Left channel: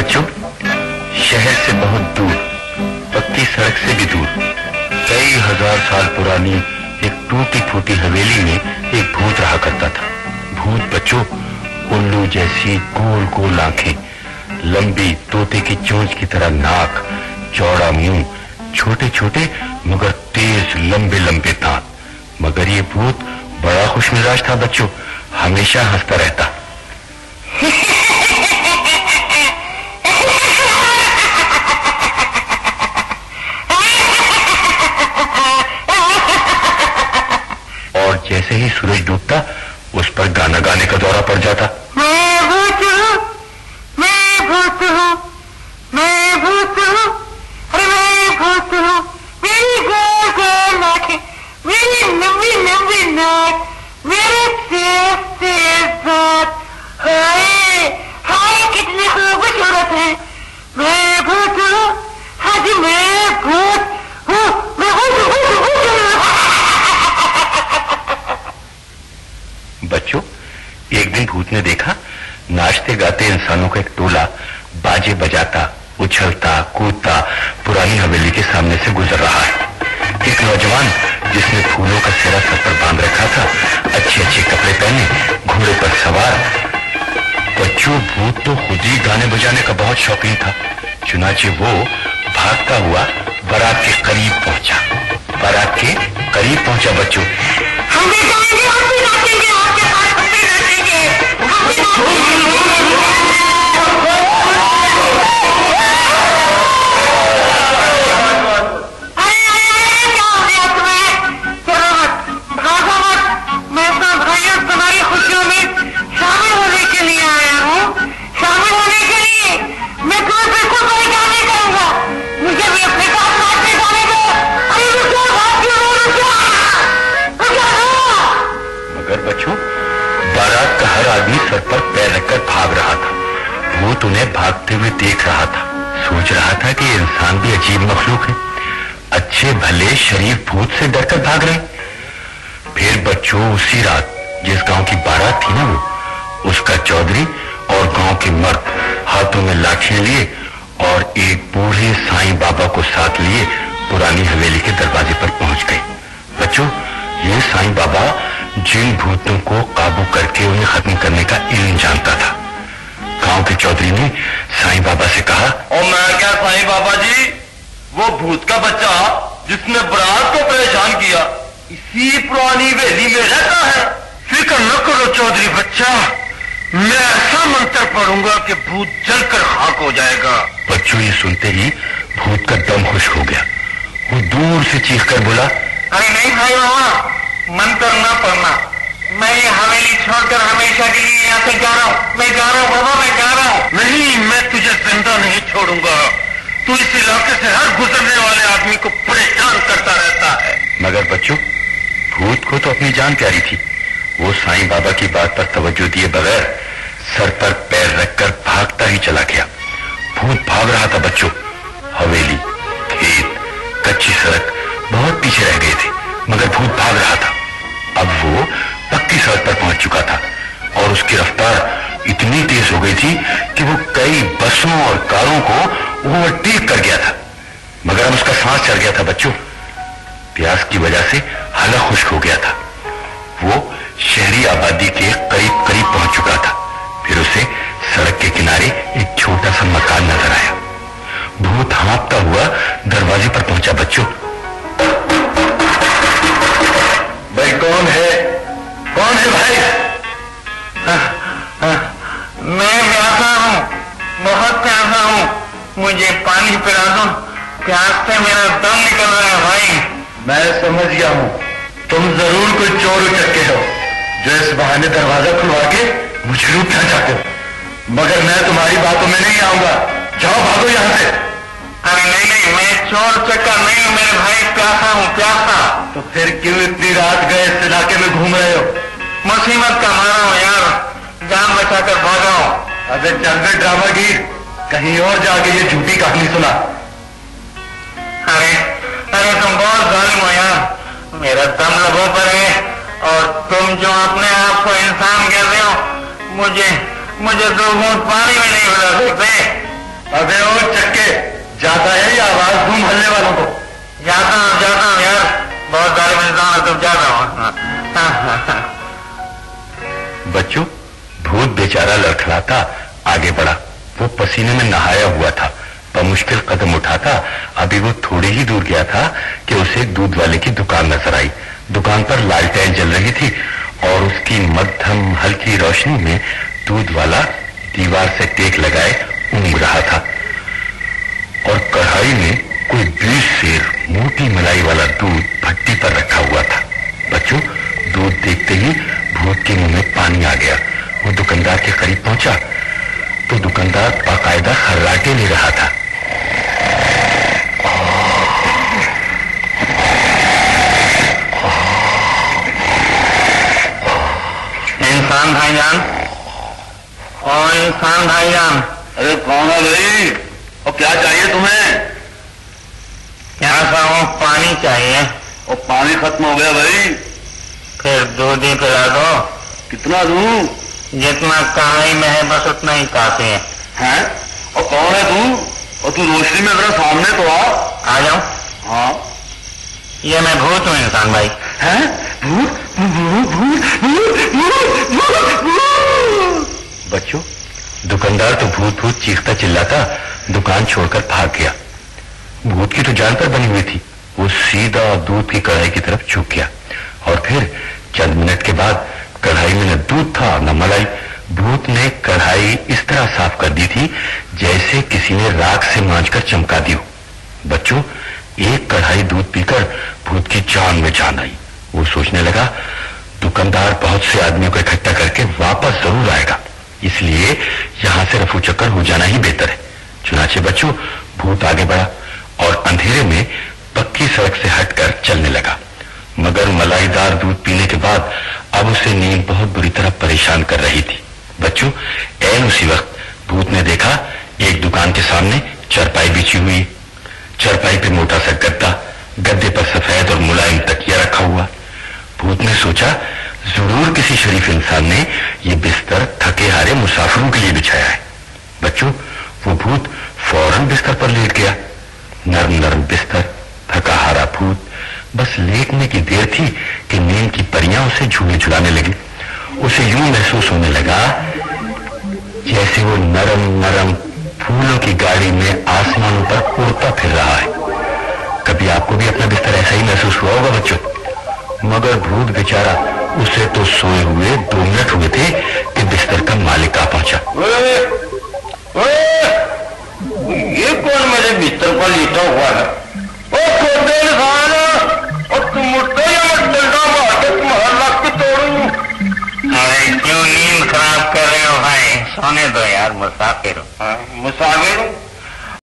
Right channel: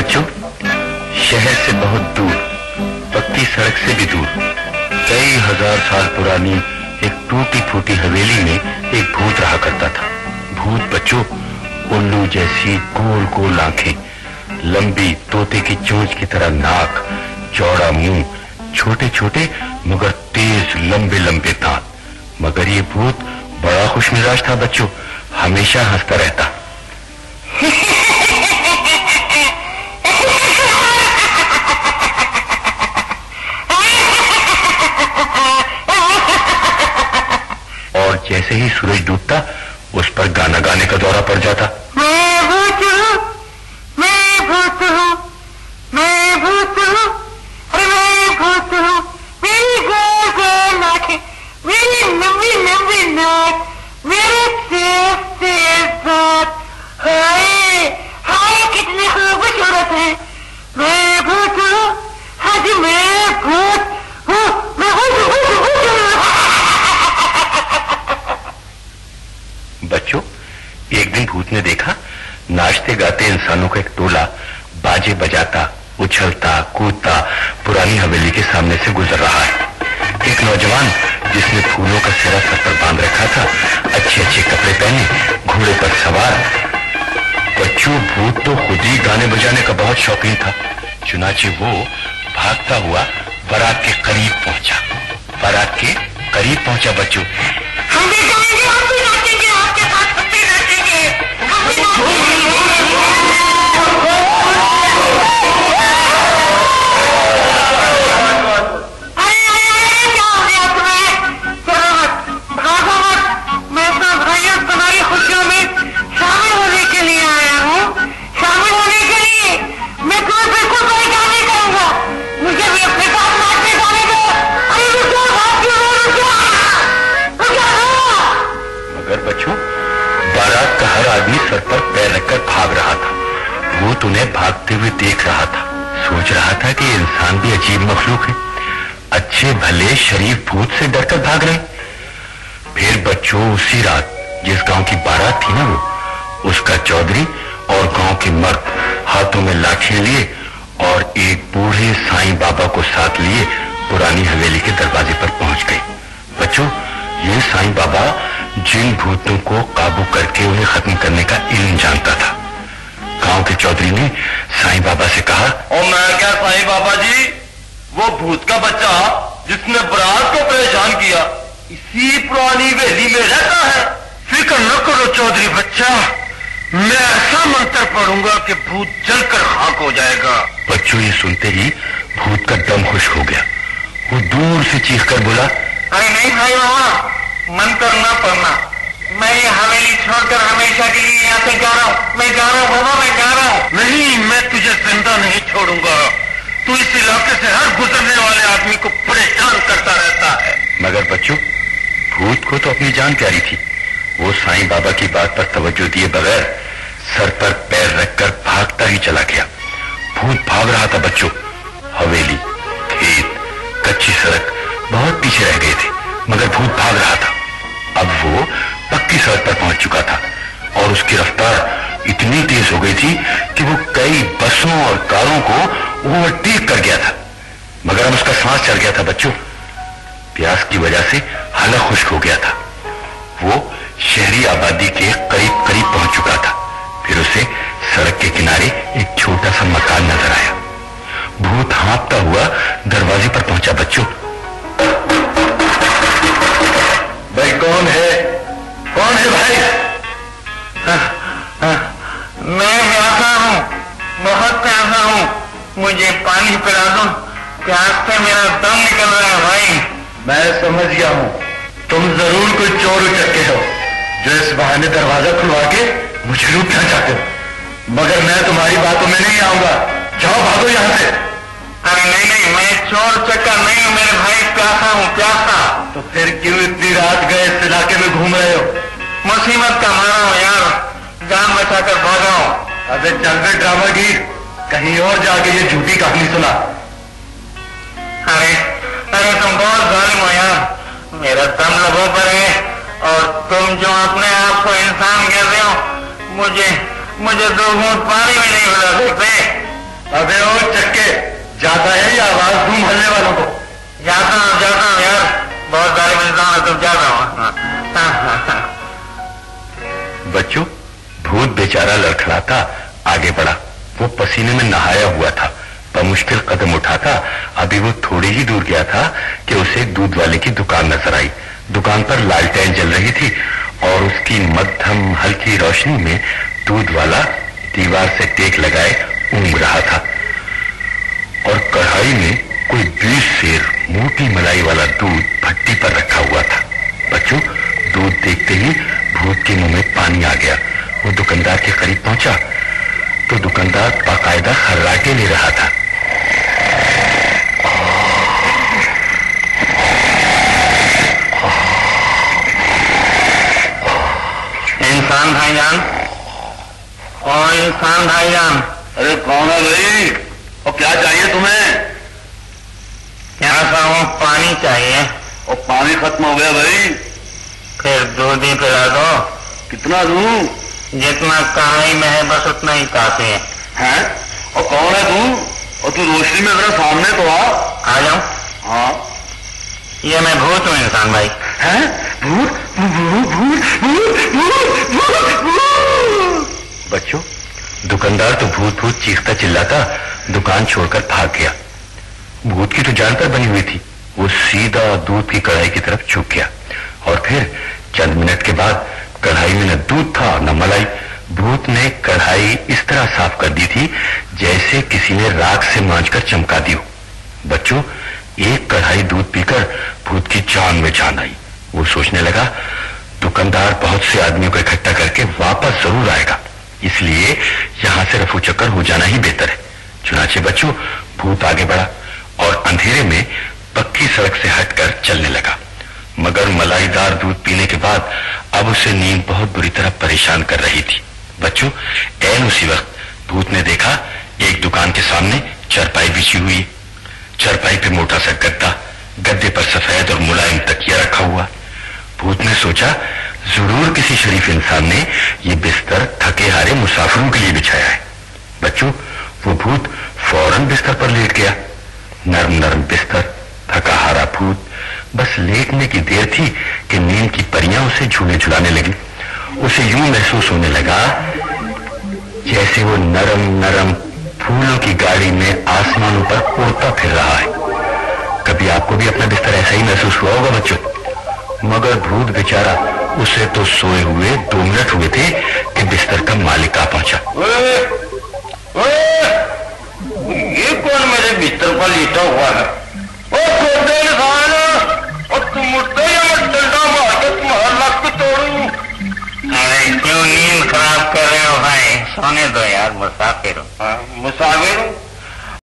बच्चों, शहर से बहुत दूर, पक्की सड़क से भी दूर, कई हजार साल पुरानी एक टूटी फूटी हवेली में एक भूत रहा करता था। भूत बच्चों, उल्लू जैसी गोल गोल आंखें, लंबी तोते की चोंच की तरह नाक, चौड़ा मुंह, छोटे छोटे मगर तेज लंबे लंबे दांत। मगर ये भूत बड़ा खुशमिजाज था बच्चों, हमेशा हंसता रहता। और जैसे ही सूरज डूबता, उस पर गाना गाने का दौरा पड़ जाता। बच्चों, एक दिन भूत ने देखा नाचते गाते इंसानों का एक टोला बाजे बजाता, उछलता कूदता पुरानी हवेली के सामने से गुजर रहा है। एक नौजवान जिसने फूलों का सिरा सर पर बांध रखा था, अच्छे अच्छे कपड़े पहने, घोड़े पर सवार। बच्चों, भूत तो खुद ही गाने बजाने का बहुत शौकीन था। चुनाचे वो भागता हुआ बारात के करीब पहुंचा। बारात के करीब पहुंचा बच्चों। बारात का हर आदमी सर पर पैर रखकर भाग रहा था। भूत उन्हें भागते हुए देख रहा था, सोच रहा था कि इंसान भी अजीब मखलूक है, अच्छे भले शरीफ भूत से डरकर भाग रहे। फिर बच्चों, उसी रात जिस गांव की बारात थी ना, वो उसका चौधरी और गांव के मर्द हाथों में लाठियां लिए और एक बूढ़े साईं बाबा को साथ लिए पुरानी हवेली के दरवाजे पर पहुंच गए। बच्चों, ये साईं बाबा जिन भूतों को काबू करके उन्हें खत्म करने का इल्म जानता था। गांव के चौधरी ने साईं बाबा से कहा, और मैं क्या साईं बाबा जी, वो भूत का बच्चा जिसने बारात को परेशान किया इसी पुरानी हवेली में रहता है। फिक्र न करो चौधरी बच्चा, मैं ऐसा मंत्र पढ़ूंगा कि भूत जलकर खाक हो जाएगा। बच्चों, ये सुनते ही भूत का दम खुश हो गया। वो दूर से चीख कर बोला, नहीं भाई बाबा, मंत्र न पढ़ना, मैं ये हवेली छोड़कर हमेशा के लिए यहाँ से जा रहा हूँ। मैं जा रहा हूँ बाबा, मैं जा रहा हूँ। नहीं, मैं तुझे जिंदा नहीं छोड़ूंगा। तू इस इलाके से हर गुजरने वाले आदमी को परेशान करता रहता है। मगर बच्चों, भूत को तो अपनी जान प्यारी थी। वो साईं बाबा की बात पर तवज्जो दिए बगैर सर पर पैर रखकर भागता ही चला गया। भूत भाग रहा था बच्चों। हवेली, खेत, कच्ची सड़क बहुत पीछे रह गए थे, मगर भूत भाग रहा था। अब वो पक्की सड़क पर पहुंच चुका था और उसकी रफ्तार इतनी तेज हो गई थी कि वो कई बसों और कारों को ओवरटेक कर गया था। मगर अब उसका सांस चल गया था बच्चों। प्यास की वजह से हलक खुश्क हो गया था। वो शहरी आबादी के करीब करीब पहुंच चुका था। फिर उसे सड़क के किनारे एक छोटा सा मकान नजर आया। भूत हाँफता हुआ दरवाजे पर पहुंचा बच्चों। भाई कौन है? कौन है भाई? मैं प्यासा हूँ, बहुत प्यासा हूँ, मुझे पानी पिला दो, प्यास से मेरा दम निकल रहा है भाई। मैं समझ गया हूँ, तुम जरूर कोई चोर करके हो जो इस बहाने दरवाजा खुलवा के मुझे लूटना चाहते हो। मगर मैं तुम्हारी बातों में नहीं आऊंगा, जाओ भागो यहाँ से। नहीं नहीं, मैं चोर चक्कर नहीं हूँ मेरे भाई, प्यासा हूँ प्यासा। तो फिर क्यों इतनी रात गए इस इलाके में घूम रहे हो? मुसीबत का मारा हूँ यार, जान बचाकर भागा हूँ। अबे जल्दी ड्रामा की, कहीं और जाके ये झूठी कहानी सुना। अरे तुम बहुत जालिम हो यार, मेरा दम लबों पर है और तुम जो अपने आप को इंसान कहते हो, मुझे दो घूंट पानी में नहीं मिला सकते। अबे ओ चक्के, जाता है ये आवाज दूं मोहल्ले वालों को? जाता हूँ यार, बहुत जालिम इंसान है, तुम जाता हूँ। बच्चों, भूत बेचारा लड़खड़ाता आगे बढ़ा। वो पसीने में नहाया हुआ था, बमुश्किल कदम उठाता। अभी वो थोड़ी ही दूर गया था कि उसे एक दूध वाले की दुकान नजर आई। दुकान पर लालटेन जल रही थी और उसकी मध्यम हल्की रोशनी में दूध वाला दीवार से टेक लगाए ऊँघ रहा था और कढ़ाई में कोई 20 सेर मोटी मलाई वाला दूध भट्टी पर रखा हुआ था। बच्चों, दूध देखते ही भूत के मुंह में पानी आ गया। वो दुकानदार के करीब पहुंचा तो दुकानदार बाकायदा खर्राटे ले रहा था। इंसान भाईजान, और इंसान भाईजान। अरे कौन है भाई, और क्या चाहिए तुम्हें? यहाँ पर पानी चाहिए। और पानी खत्म हो गया भाई। फिर दूध ही पिला दो। कितना दूं? जितना कढ़ाई में है बस उतना ही काफी है। हैं? और कौन है तू? और तू रोशनी में जरा सामने तो आ जाओ। हाँ, ये मैं भूत हूँ इंसान भाई। हैं? भूत? बच्चों, दुकानदार तो भूत भूत चीखता चिल्लाता दुकान छोड़कर भाग गया। भूत की तो जान पर बनी हुई थी। वो सीधा दूध की कढ़ाई की तरफ झुक गया और फिर चंद मिनट के बाद कढ़ाई में न दूध था न मलाई। भूत ने कढ़ाई इस तरह साफ कर दी थी जैसे किसी ने राख से मांझकर चमका दी हो। बच्चों, एक कढ़ाई दूध पीकर भूत की जान में जान आई। वो सोचने लगा, दुकानदार बहुत से आदमियों को इकट्ठा करके वापस जरूर आएगा, इसलिए यहां से रफू चक्कर हो जाना ही बेहतर है। चुनाचे बच्चों, भूत आगे बढ़ा और अंधेरे में पक्की सड़क से हटकर चलने लगा। मगर मलाईदार दूध पीने के बाद अब उसे नींद बहुत बुरी तरह परेशान कर रही थी। बच्चों, ऐन उसी वक्त भूत ने देखा एक दुकान के सामने चारपाई बिछी हुई। चारपाई पे मोटा सा गद्दा, गद्दे पर सफेद और मुलायम तकिया रखा हुआ। भूत ने सोचा, जरूर किसी शरीफ इंसान ने ये बिस्तर थके हारे मुसाफिरों के लिए बिछाया है। बच्चों, वो भूत फौरन बिस्तर पर लेट गया। नरम नरम बिस्तर, थका हारा भूत। बस लेटने की देर थी कि नींद की परियां उसे झूले झुलाने लगी। उसे यूं महसूस होने लगा जैसे वो नरम नरम फूलों की गाड़ी में आसमानों पर उड़ता फिर रहा है। कभी आपको भी अपना बिस्तर ऐसा ही महसूस हुआ होगा बच्चों। मगर भूत बेचारा, उसे तो सोए हुए 2 मिनट हुए थे कि बिस्तर का मालिक आ पहुंचा। ये कौन मेरे बिस्तर पर लेटा हुआ है? तुम उठते क्यों नींद खराब कर रहे हो भाई? सोने दो यार, मुसाफिर हूँ। मुसाफिर हूँ?